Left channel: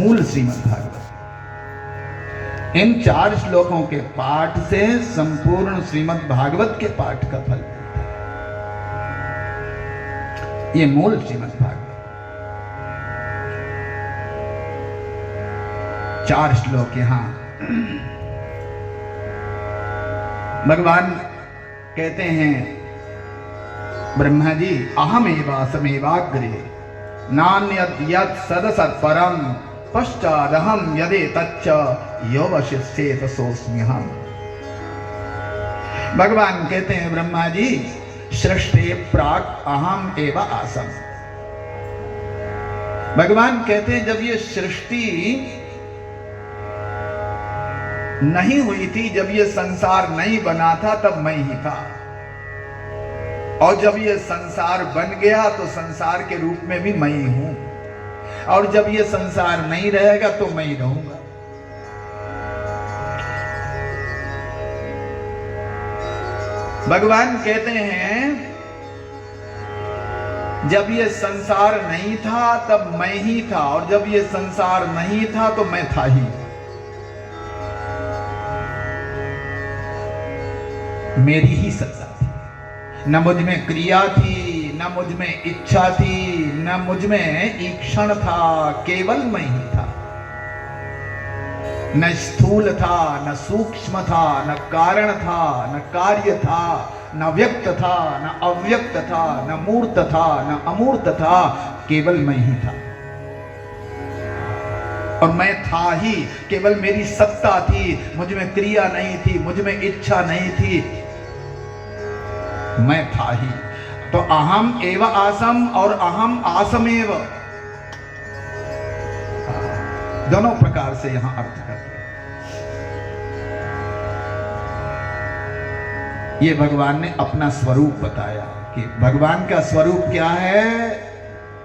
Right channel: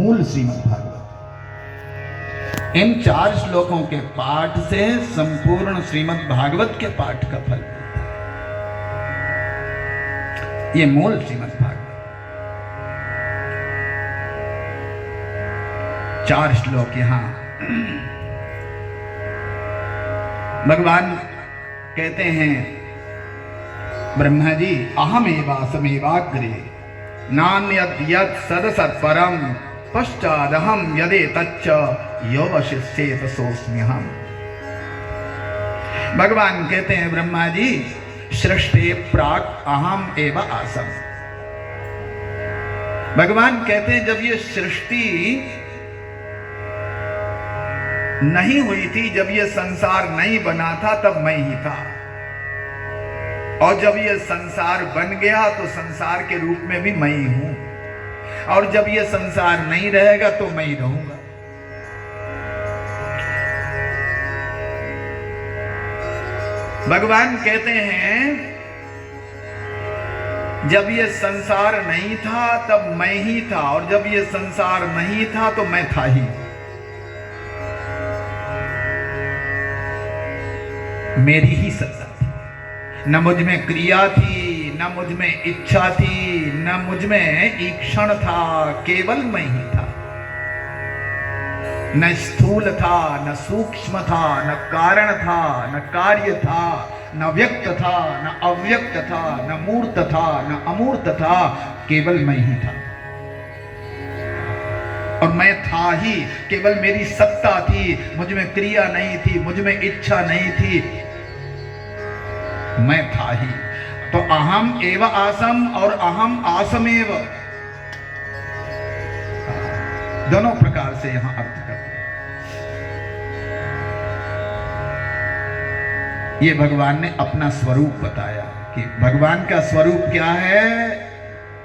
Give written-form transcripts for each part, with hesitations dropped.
मूल श्रीमद् भागवत। इन 4 श्लोकों के पाठ से संपूर्ण श्रीमद् भागवत के पाठ का फल मिलता है। ये मूल श्रीमद् भागवत। 4 श्लोक यहां भगवान कहते हैं, ब्रह्मा जी, अहमेवासमेवाग्रे नान्यत् यत् सदसत्परं पश्चादहं यदे तच्च योवशिष्येत सोऽस्म्यहम्। भगवान कहते हैं, ब्रह्मा जी, सृष्टि प्राक् अहम एव आसम। भगवान कहते हैं, जब ये सृष्टि नहीं हुई थी, जब ये संसार नहीं बना था, तब मैं ही था। और जब ये संसार बन गया तो संसार के रूप में भी मैं ही हूं। और जब ये संसार नहीं रहेगा तो मैं ही रहूंगा। भगवान कहते हैं, जब ये संसार नहीं था तब मैं ही था, और जब ये संसार नहीं था तो मैं था ही। मेरी ही सत्ता थी, न मुझ में क्रिया थी, न मुझ में इच्छा थी, न मुझ में ईक्षण था, केवल मैं ही था। न स्थूल था, न सूक्ष्म था, न कारण था, न कार्य था, न व्यक्त था, न अव्यक्त था, न मूर्त था, न अमूर्त था, केवल मैं ही था। और मैं था ही, केवल मेरी सत्ता थी, मुझ में क्रिया नहीं थी, मुझ में इच्छा नहीं थी, मैं था ही। तो अहम एव आसम और अहम आसमेव, दोनों प्रकार से यहां अर्थ करते हैं। ये भगवान ने अपना स्वरूप बताया कि भगवान का स्वरूप क्या है।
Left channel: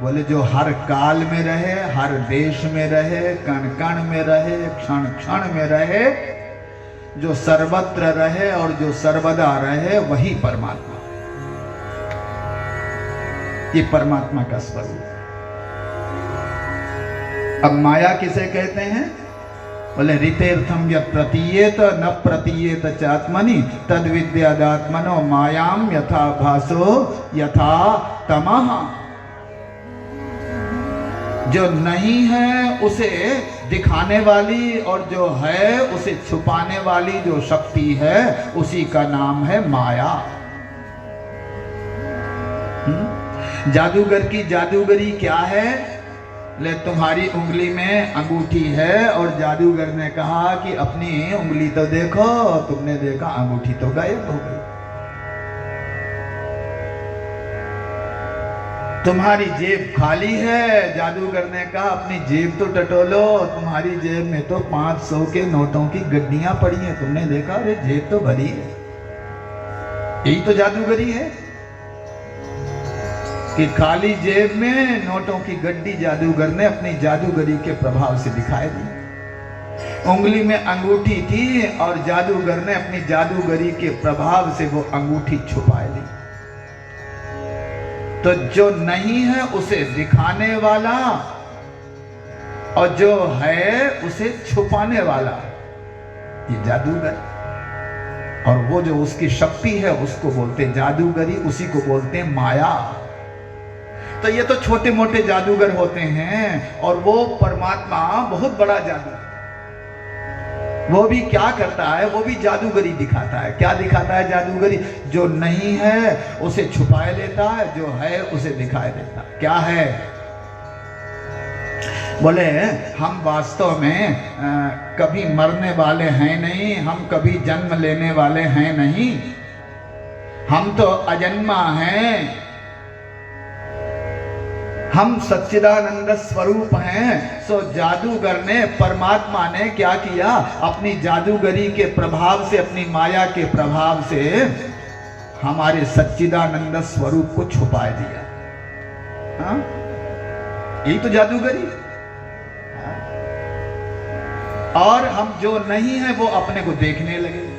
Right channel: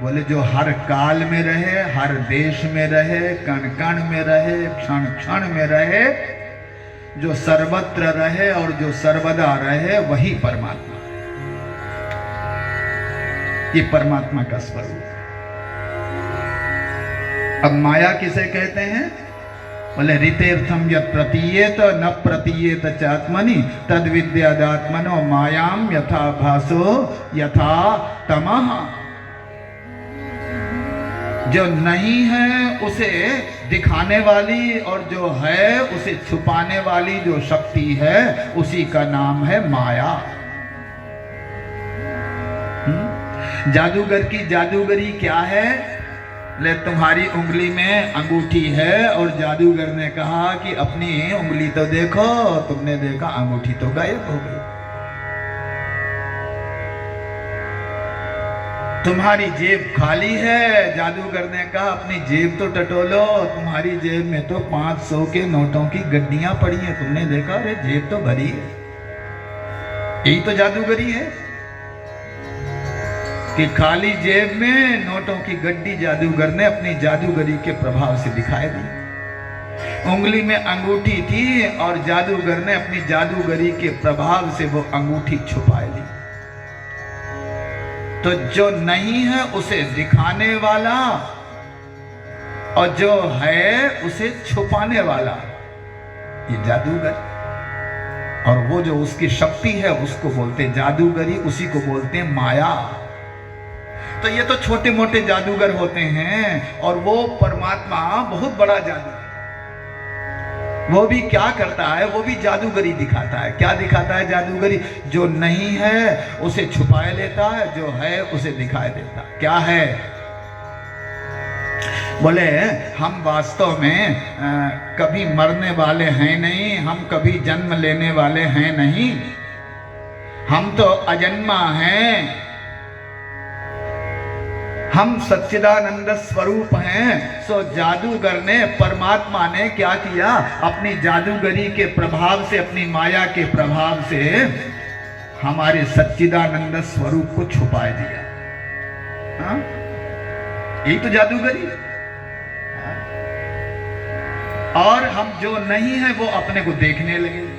बोले, जो हर काल में रहे, हर देश में रहे, कण कण में रहे, क्षण क्षण में रहे, जो सर्वत्र रहे और जो सर्वदा रहे, वही परमात्मा। ये परमात्मा का स्वरूप। अब माया किसे कहते हैं? बोले, ऋतेर्थम यत् प्रतीयेत न प्रतीयेत चात्मनि तद विद्यादात्मनो मायाम यथा भासो यथा तमः। जो नहीं है उसे दिखाने वाली और जो है उसे छुपाने वाली जो शक्ति है, उसी का नाम है माया। जादूगर की जादूगरी क्या है? ले, तुम्हारी उंगली में अंगूठी है और जादूगर ने कहा कि अपनी उंगली तो देखो। तुमने देखा, अंगूठी तो गायब हो गई। तुम्हारी जेब खाली है, जादूगर ने कहा अपनी जेब तो टटोलो। तुम्हारी जेब में तो 500 के नोटों की गड्डियां पड़ी हैं। तुमने देखा, अरे जेब तो भरी है। यही तो जादूगरी है कि खाली जेब में नोटों की गड्डी जादूगर ने अपनी जादूगरी के प्रभाव से दिखाई दी। उंगली में अंगूठी थी और जादूगर ने अपनी जादूगरी के प्रभाव से वो अंगूठी छुपा ली। तो जो नहीं है उसे दिखाने वाला और जो है उसे छुपाने वाला, ये जादूगर। और वो जो उसकी शक्ति है उसको बोलते हैं जादूगरी, उसी को बोलते हैं माया। तो ये तो छोटे मोटे जादूगर होते हैं, और वो परमात्मा बहुत बड़ा जादू। वो भी क्या करता है? वो भी जादूगरी दिखाता है। क्या दिखाता है जादूगरी? जो नहीं है उसे छुपाए लेता है, जो है उसे दिखाई देता है। क्या है? बोले, हम वास्तव में कभी मरने वाले हैं नहीं, हम कभी जन्म लेने वाले हैं नहीं, हम तो अजन्मा हैं, हम सच्चिदानंद स्वरूप हैं। सो जादूगर ने, परमात्मा ने क्या किया? अपनी जादूगरी के प्रभाव से, अपनी माया के प्रभाव से हमारे सच्चिदानंद स्वरूप को छुपा दिया। हाँ? यही तो जादूगरी। और हम जो नहीं है वो अपने को देखने लगे।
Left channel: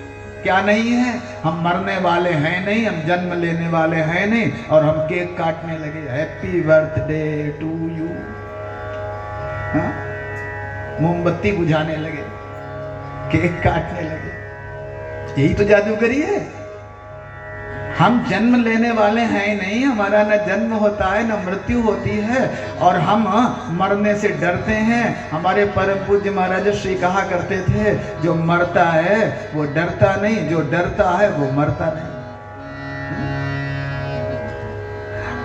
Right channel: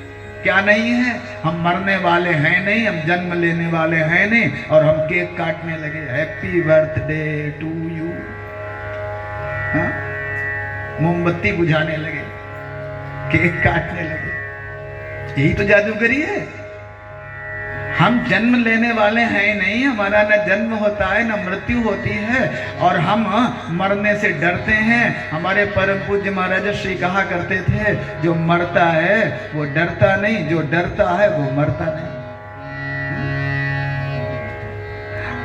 क्या नहीं है? हम मरने वाले हैं नहीं, हम जन्म लेने वाले हैं नहीं, और हम केक काटने लगे, हैप्पी बर्थडे टू यू। मोमबत्ती बुझाने लगे, केक काटने लगे। यही तो जादूगरी है। हम जन्म लेने वाले हैं नहीं, हमारा न जन्म होता है न मृत्यु होती है, और हम मरने से डरते हैं। हमारे परम पूज्य महाराज श्री कहा करते थे, जो मरता है वो डरता नहीं, जो डरता है वो मरता नहीं।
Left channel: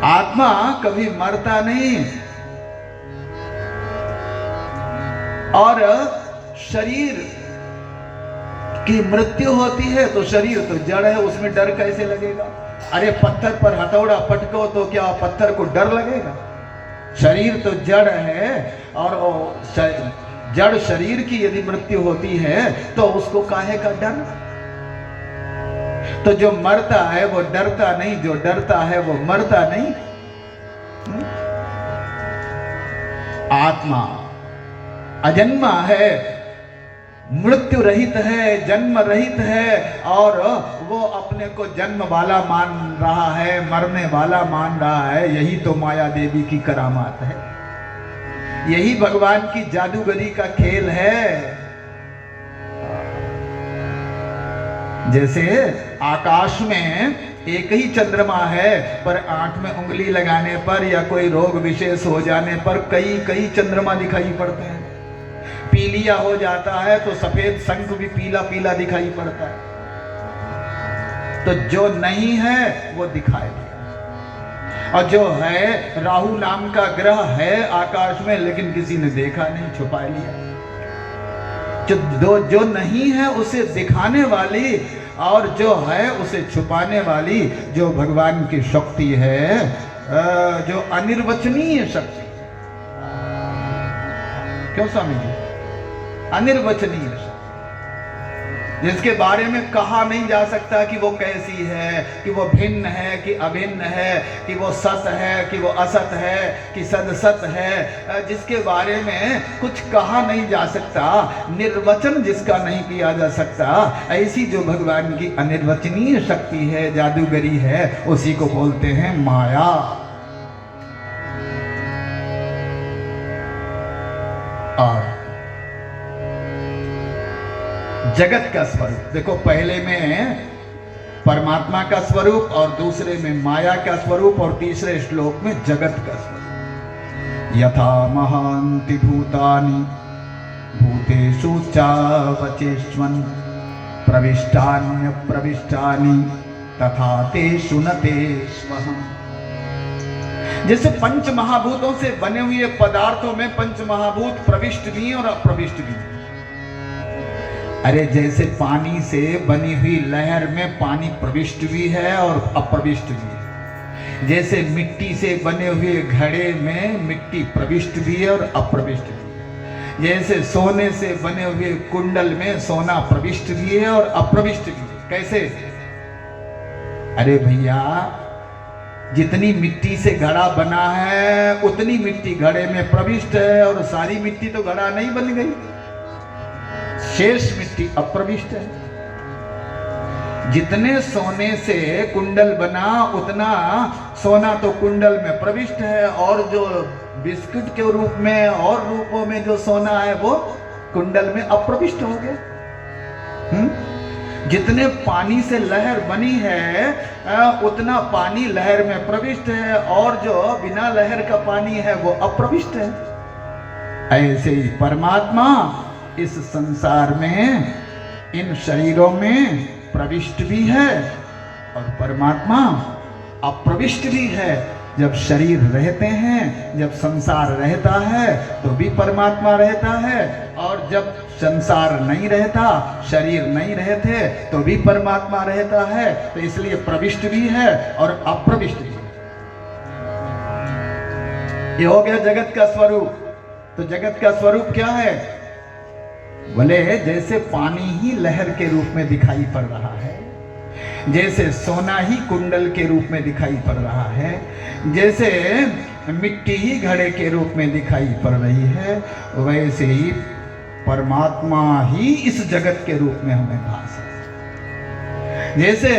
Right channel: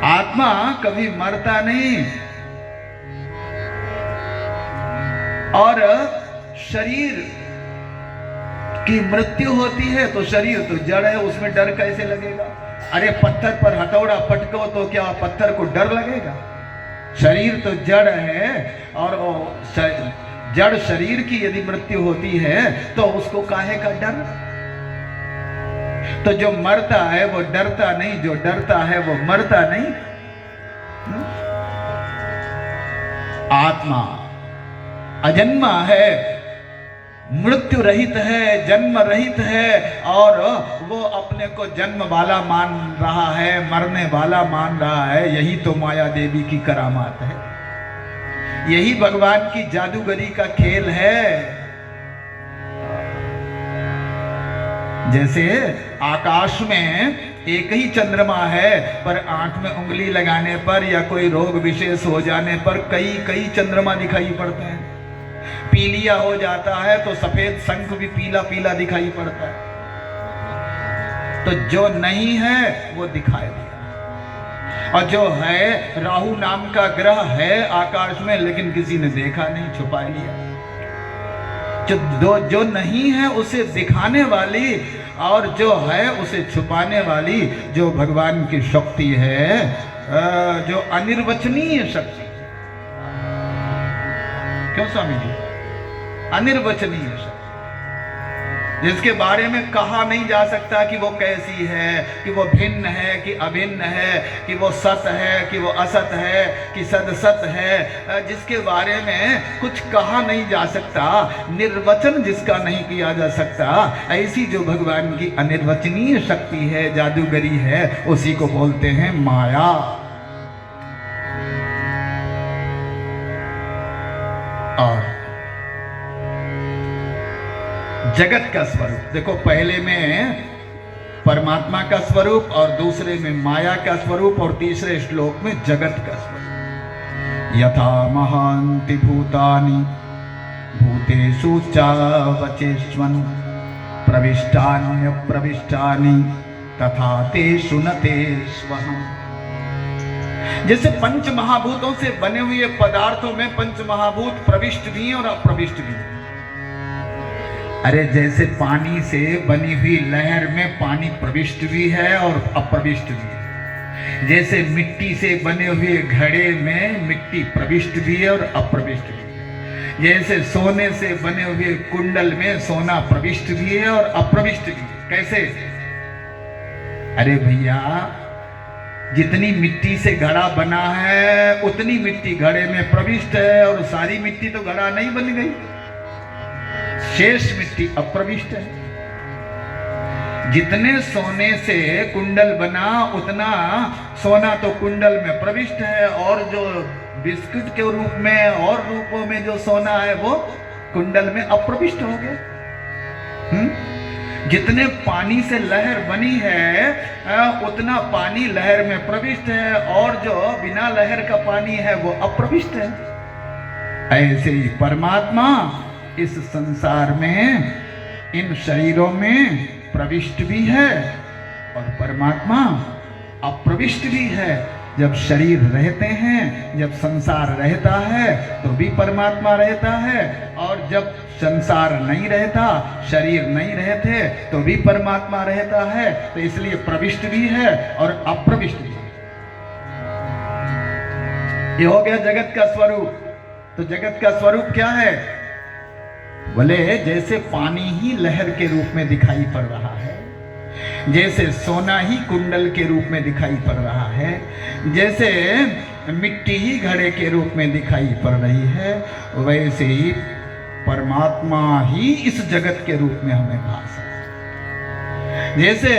आत्मा कभी मरता नहीं। और शरीर की मृत्यु होती है तो शरीर तो जड़ है, उसमें डर कैसे लगेगा? अरे पत्थर पर हथौड़ा पटको तो क्या पत्थर को डर लगेगा? शरीर तो जड़ है, और जड़ शरीर की यदि मृत्यु होती है तो उसको काहे का डर? तो जो मरता है वो डरता नहीं, जो डरता है वो मरता नहीं। आत्मा अजन्मा है, मृत्यु रहित है, जन्म रहित है, और वो अपने को जन्म वाला मान रहा है, मरने वाला मान रहा है। यही तो माया देवी की करामात है, यही भगवान की जादूगरी का खेल है। जैसे आकाश में एक ही चंद्रमा है, पर आंख में उंगली लगाने पर या कोई रोग विशेष हो जाने पर कई कई चंद्रमा दिखाई पड़ते हैं। पीलिया हो जाता है तो सफेद शंख भी पीला पीला दिखाई पड़ता है। तो जो नहीं है वो दिखाई दिया, और जो है, राहु नाम का ग्रह है आकाश में, लेकिन किसी ने देखा नहीं, छुपा लिया। जो नहीं है उसे दिखाने वाली, और जो है उसे छुपाने वाली, जो भगवान की शक्ति है, जो अनिर्वचनीय शक्ति। क्यों स्वामी जी? अनिर्वचनीय शक्ति, जिसके बारे में कहा नहीं जा सकता कि वो कैसी है, कि वो भिन्न है कि अभिन्न है, कि वो सत है कि वो असत है कि सदसत है, जिसके बारे में कुछ कहा नहीं जा सकता, निर्वचन जिसका नहीं किया जा सकता, ऐसी जो भगवान की अनिर्वचनीय शक्ति है, जादूगरी है, उसी को बोलते हैं माया। और जगत का स्वरूप देखो, पहले में परमात्मा का स्वरूप, और दूसरे में माया का स्वरूप, और तीसरे श्लोक में जगत का स्वरूप। यथा महान्ति भूतानि भूतेषु चावचेष्वन् प्रविष्टान्य प्रविष्टानि तथा तेषु न तेष्वहम्। जैसे पंच महाभूतों से बने हुए पदार्थों में पंच महाभूत प्रविष्ट भी हैं और अप्रविष्ट भी हैं। अरे जैसे पानी से बनी हुई लहर में पानी प्रविष्ट भी है और अप्रविष्ट भी है, जैसे मिट्टी से बने हुए घड़े में मिट्टी प्रविष्ट भी है और अप्रविष्ट भी है, जैसे सोने से बने हुए कुंडल में सोना प्रविष्ट भी है और अप्रविष्ट भी है। कैसे? अरे भैया, जितनी मिट्टी से घड़ा बना है उतनी मिट्टी घड़े में प्रविष्ट है, और सारी मिट्टी तो घड़ा नहीं बन गई, शेष मिट्टी अप्रविष्ट है। जितने सोने से कुंडल बना उतना सोना तो कुंडल में प्रविष्ट है, और जो बिस्कुट के रूप में और रूपों में जो सोना है वो कुंडल में अप्रविष्ट हो गया। जितने पानी से लहर बनी है उतना पानी लहर में प्रविष्ट है, और जो बिना लहर का पानी है वो अप्रविष्ट है। ऐसे ही परमात्मा इस संसार में, इन शरीरों में प्रविष्ट भी है और परमात्मा अप्रविष्ट भी है। जब शरीर रहते हैं, जब संसार रहता है तो भी परमात्मा रहता है, और जब संसार नहीं रहता, शरीर नहीं रहते तो भी परमात्मा रहता है। तो इसलिए प्रविष्ट भी है और अप्रविष्ट भी है। ये हो गया जगत का स्वरूप। तो जगत का स्वरूप क्या है? बोले जैसे पानी ही लहर के रूप में दिखाई पड़ रहा है, जैसे सोना ही कुंडल के रूप में दिखाई पड़ रहा है, जैसे मिट्टी ही घड़े के रूप में दिखाई पड़ रही है, वैसे ही परमात्मा ही इस जगत के रूप में हमें भास है। जैसे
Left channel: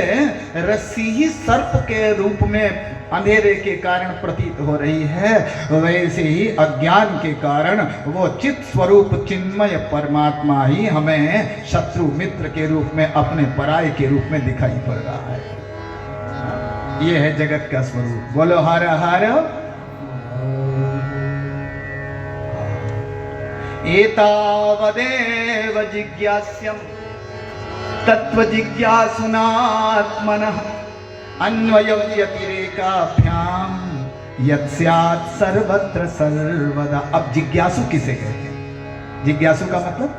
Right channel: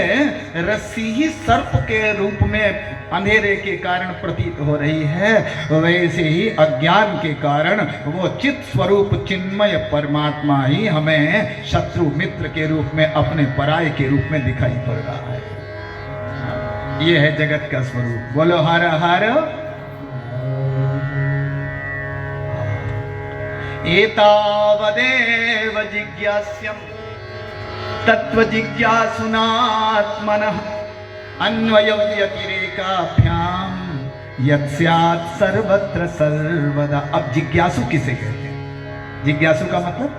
रस्सी ही सर्प के रूप में अंधेरे के कारण प्रतीत हो रही है, वैसे ही अज्ञान के कारण वो चित स्वरूप चिन्मय परमात्मा ही हमें शत्रु मित्र के रूप में, अपने पराये के रूप में दिखाई पड़ रहा है। ये है जगत का स्वरूप। बोलो हर हर। एतावदेव जिज्ञास्यम् तत्व जिज्ञासुनात्मनः अन्वय व्यतिरेकाभ्याम यत् स्यात् सर्वत्र सर्वदा। अब जिज्ञासु किसे कहते हैं? जिज्ञासु का मतलब,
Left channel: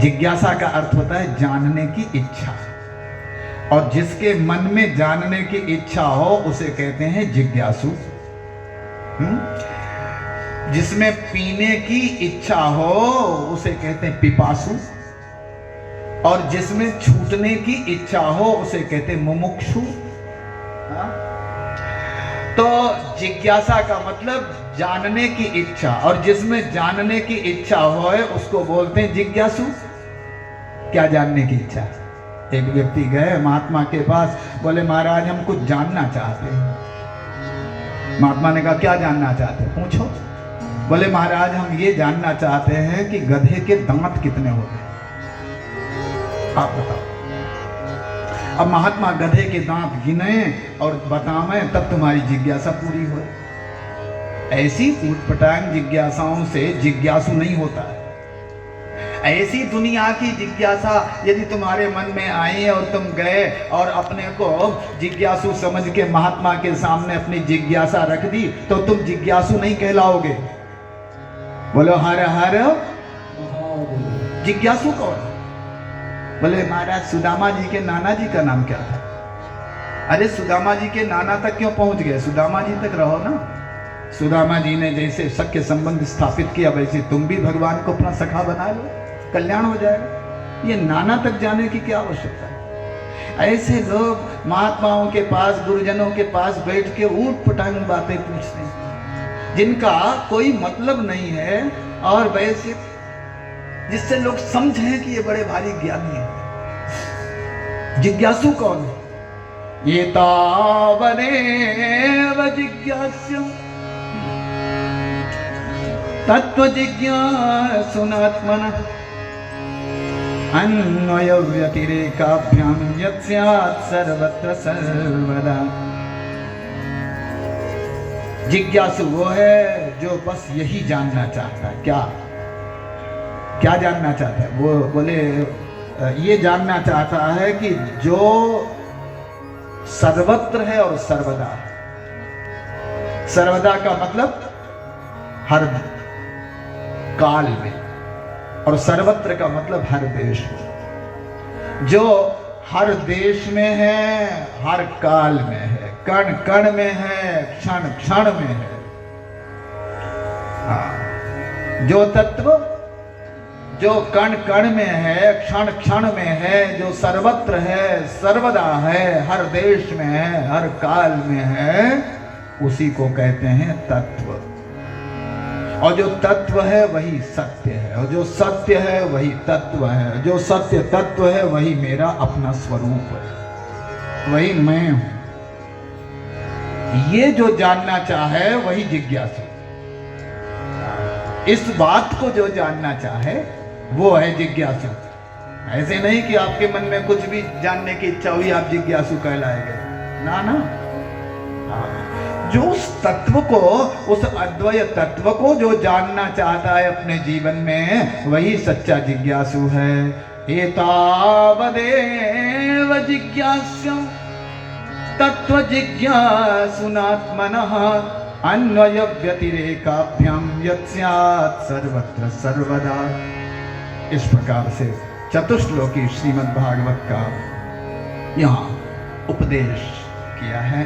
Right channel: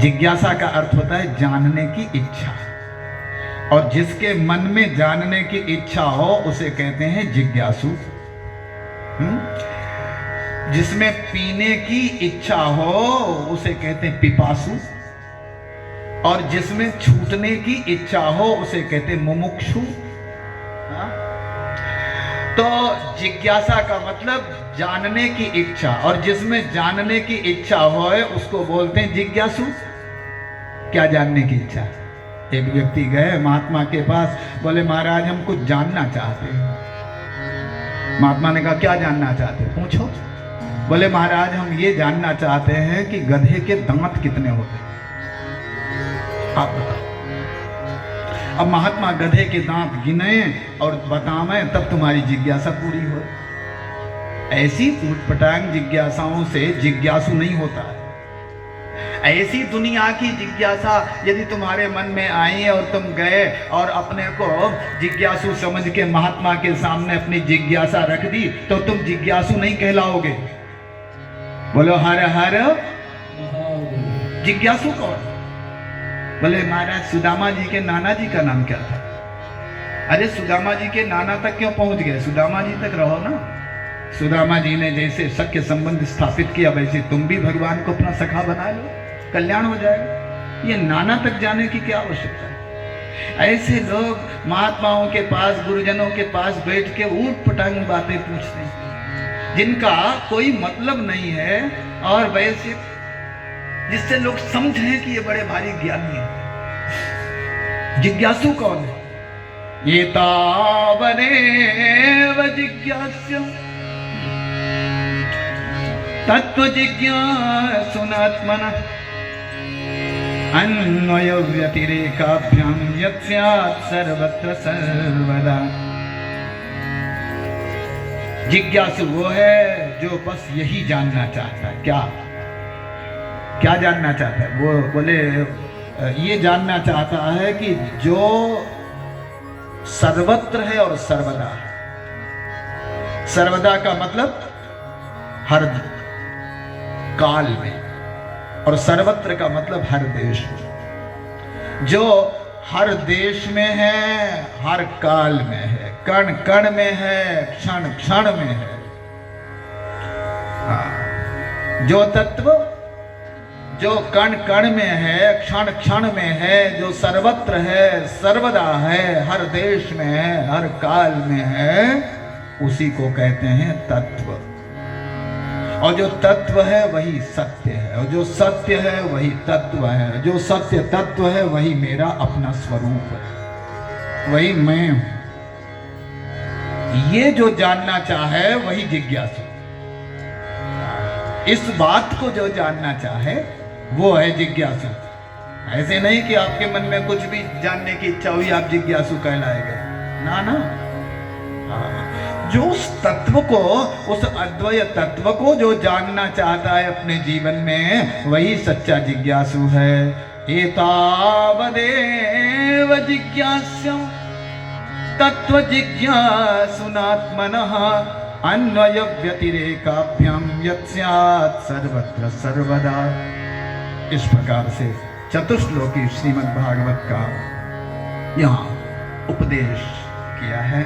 जिज्ञासा का अर्थ होता है जानने की इच्छा, और जिसके मन में जानने की इच्छा हो उसे कहते हैं जिज्ञासु। जिसमें पीने की इच्छा हो उसे कहते हैं पिपासु, और जिसमें छूटने की इच्छा हो उसे कहते हैं मुमुक्षु। तो जिज्ञासा का मतलब जानने की इच्छा, और जिसमें जानने की इच्छा हो उसको बोलते हैं जिज्ञासु। क्या जानने की इच्छा? एक व्यक्ति गए महात्मा के पास, बोले महाराज हम कुछ जानना चाहते हैं। महात्मा ने कहा क्या जानना चाहते हैं, पूछो। बोले महाराज हम ये जानना चाहते हैं कि गधे के दांत कितने होते हैं, आप बताओ। अब महात्मा गधे के दांत गिने और बतावें तब तुम्हारी जिज्ञासा पूरी हो। ऐसी ऊटपटांग जिज्ञासाओं से जिज्ञासु नहीं होता। ऐसी दुनिया की जिज्ञासा यदि तुम्हारे मन में आई और तुम गए और अपने को जिज्ञासु समझ के महात्मा के सामने अपनी जिज्ञासा रख दी, तो तुम जिज्ञासु नहीं कहलाओगे। बोलो हर हर। जिज्ञासु कौन? बोले महाराज सुदामा जी के नाना जी का नाम क्या था? अरे सुदामा जी के नाना तक क्यों पहुंच गए, सुदामा जी तक रहो ना। सुदामा जी ने जैसे सख्य संबंध स्थापित किया, वैसे तुम भी भगवान को अपना सखा बना लो, कल्याण हो जाएगा। ये नाना तक जाने की क्या आवश्यकता है? ऐसे लोग महात्माओं के पास, गुरुजनों के पास बैठ के ऊट पटांग बातें पूछते हैं जिनका कोई मतलब नहीं है, और वैसे जिससे लोग समझें कि ये बड़े भारी ज्ञानी है। जिज्ञासु कौन है? ये तावदेव जिज्ञास्यम् तत्व जिज्ञासुनात्मनः अन्वय व्यतिरेकाभ्याम यत् स्यात् सर्वत्र सर्वदा। जिज्ञासु वो है जो बस यही जानना चाहता है। क्या क्या जानना चाहता है? वो बोले ये जानना चाहता है कि जो सर्वत्र है और सर्वदा है। सर्वदा का मतलब हर काल में, और सर्वत्र का मतलब हर देश में। जो हर देश में है, हर काल में है, कण कण में है, क्षण क्षण में है। जो तत्व जो कण कण में है, क्षण क्षण में है, जो सर्वत्र है, सर्वदा है, हर देश में है, हर काल में है, उसी को कहते हैं तत्व। और जो तत्व है वही सत्य है, और जो सत्य है वही तत्व है। जो सत्य तत्व है वही मेरा अपना स्वरूप है, वही मैं हूं। ये जो जानना चाहे वही जिज्ञासु। इस बात को जो जानना चाहे वो है जिज्ञासु। ऐसे नहीं कि आपके मन में कुछ भी जानने की इच्छा हुई आप जिज्ञासु कहलाएगा, ना ना। जो उस तत्व को, उस अद्वय तत्व को जो जानना चाहता है अपने जीवन में, वही सच्चा जिज्ञासु है। एतावदेव जिज्ञास्यम् तत्व जिज्ञासुनात्मनः अन्वय व्यतिरेकाभ्याम यत् स्यात् सर्वत्र सर्वदा। इस प्रकार से चतुश्लोकी श्रीमद् भागवत का यहाँ उपदेश किया है।